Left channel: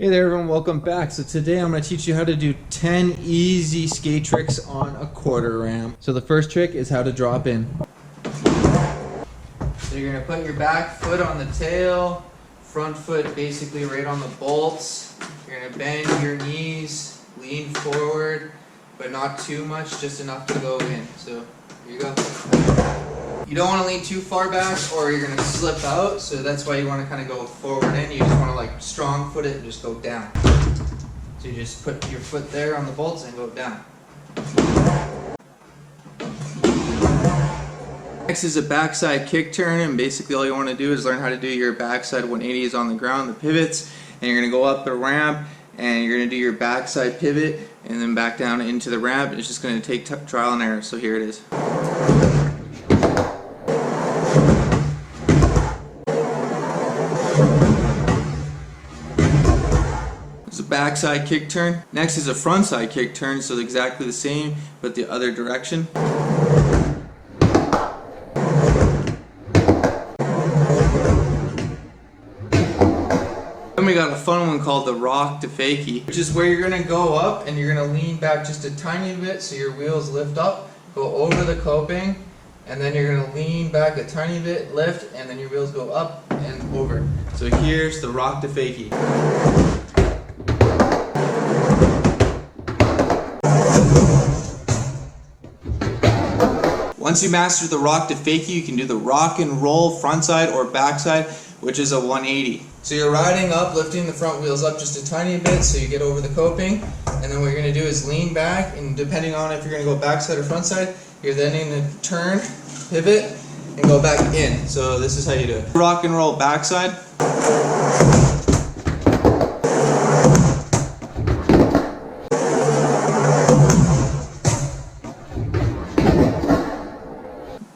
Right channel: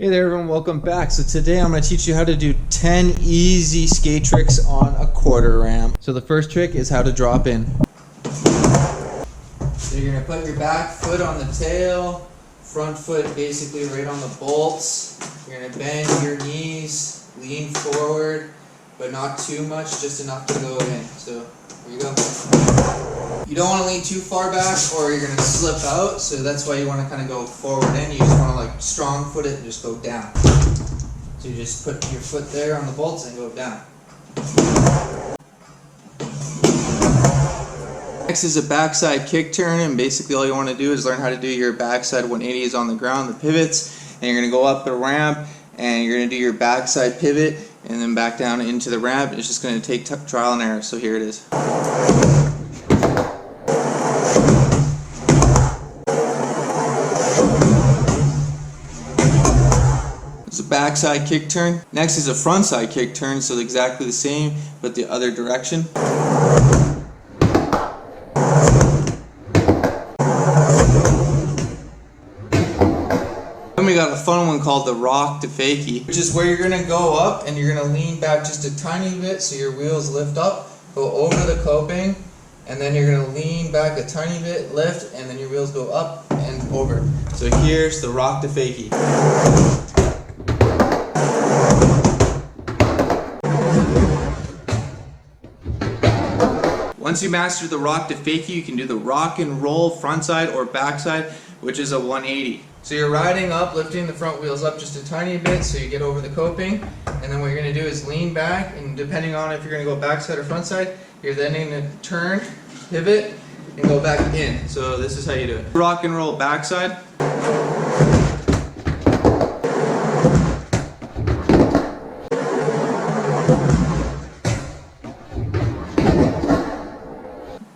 Hey there everyone, welcome back. So today I'm going to teach you how to do 10 easy skate tricks on a quarter ramp. So the first trick is how to drop in. So you're going to put your back foot on the tail, front foot basically right on the bolts. You're going to bend your knees, lean forward, but not too much, just enough to go in. So here you go. You don't want to lean too far back or you're going to slip out, so that's why you want to kind of go forward in. You just want to like strong foot it and just go down. So you just put your foot there on the bolts and go down. Next is a backside kick turn, and basically all you want to do is learn how to do your backside 180s on the ground, the pivots, and you're going to go up the ramp and you're going to do your backside pivot and then back down into the ramp. It's just going to take trial and error, so here it is. Backside kick turn. Next is a frontside kick turn, so exactly the same but the other direction. Then we got a fun one called the rock to fakie, which is where you're going to go up and you're going to lean back just a tiny bit so your wheels lift up, go over the coping, and then you're going to lean back a tiny bit, lift, and then your wheels go up and over. So here's the rock to fakie. Once you master the rock to fakie, you can do the rock and roll frontside or backside, which is a 180. So you're riding up, lifting the front wheels up just a tiny bit so you get over the coping, and then what you're going to do is lean back, and depending on if you're going to go backside or frontside, you're then going to turn, pivot, and go back in. So this is how you do it. Rock and roll backside.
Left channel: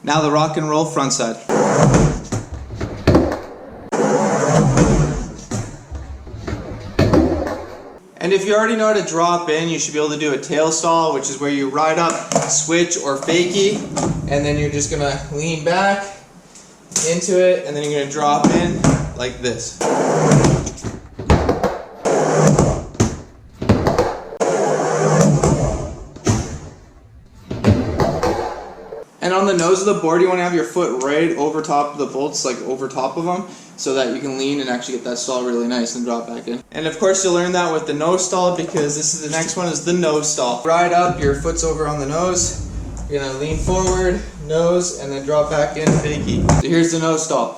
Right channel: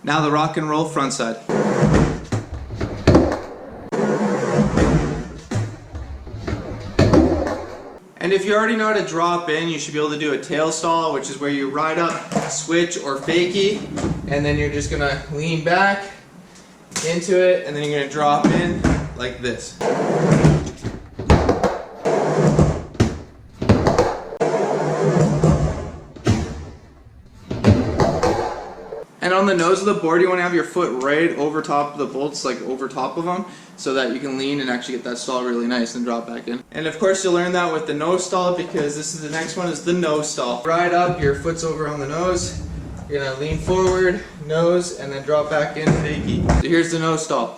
Now the rock and roll front side. And if you already know how to drop in, you should be able to do a tail stall, which is where you ride up, switch or fakie, and then you're just gonna lean back into it, and then you're gonna drop in like this. And on the nose of the board, you want to have your foot right over top of the bolts, like over top of them, so that you can lean and actually get that stall really nice and drop back in. And of course you'll learn that with the nose stall, because this is the next one, is the nose stall. Ride up, your foot's over on the nose, you're going to lean forward, nose, and then drop back in, fakie. So here's the nose stall.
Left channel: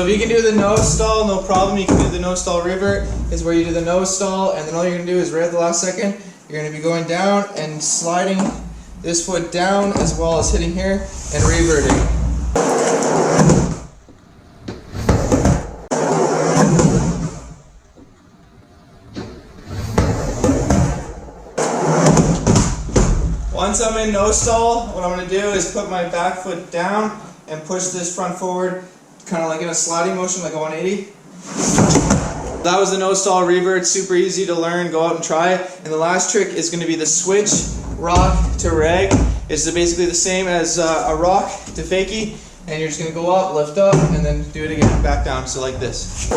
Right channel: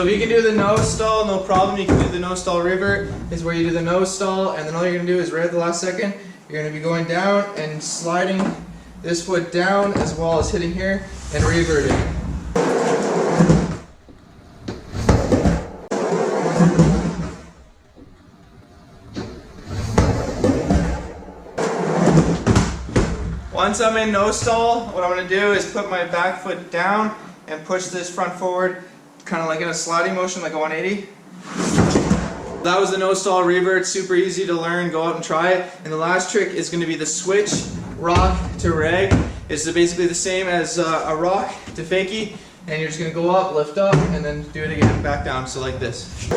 If you can do the nose stall, no problem. You can do the nose stall revert, is where you do the nose stall, and then all you're going to do is right at the last second, you're going to be going down and sliding this foot down as well as hitting here and reverting. Once I'm in nose stall, what I'm going to do is put my back foot down and push this front forward, kind of like in a sliding motion, like a 180. That was the nose stall revert, super easy to learn, go out and try it. And the last trick is going to be the switch rock to reg. It's basically the same as a rock to fakie, and you're just going to go up, lift up, and then do it again, back down, so like this.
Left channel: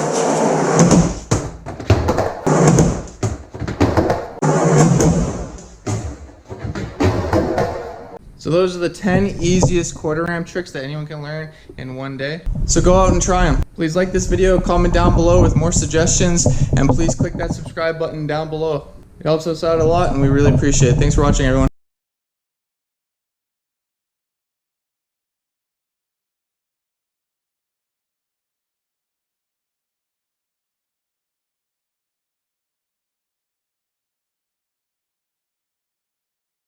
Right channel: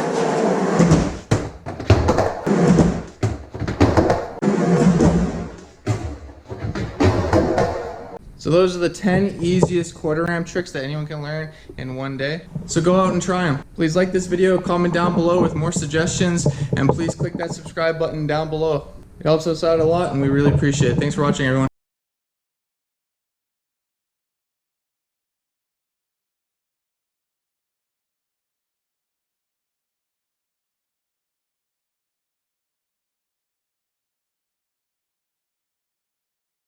So those are the 10 easiest quarter ramp tricks that anyone can learn in one day. So go out and try them. Please like this video, comment down below with more suggestions, and please click that subscribe button down below. It helps us out a lot and we really appreciate it. Thanks for watching, everyone.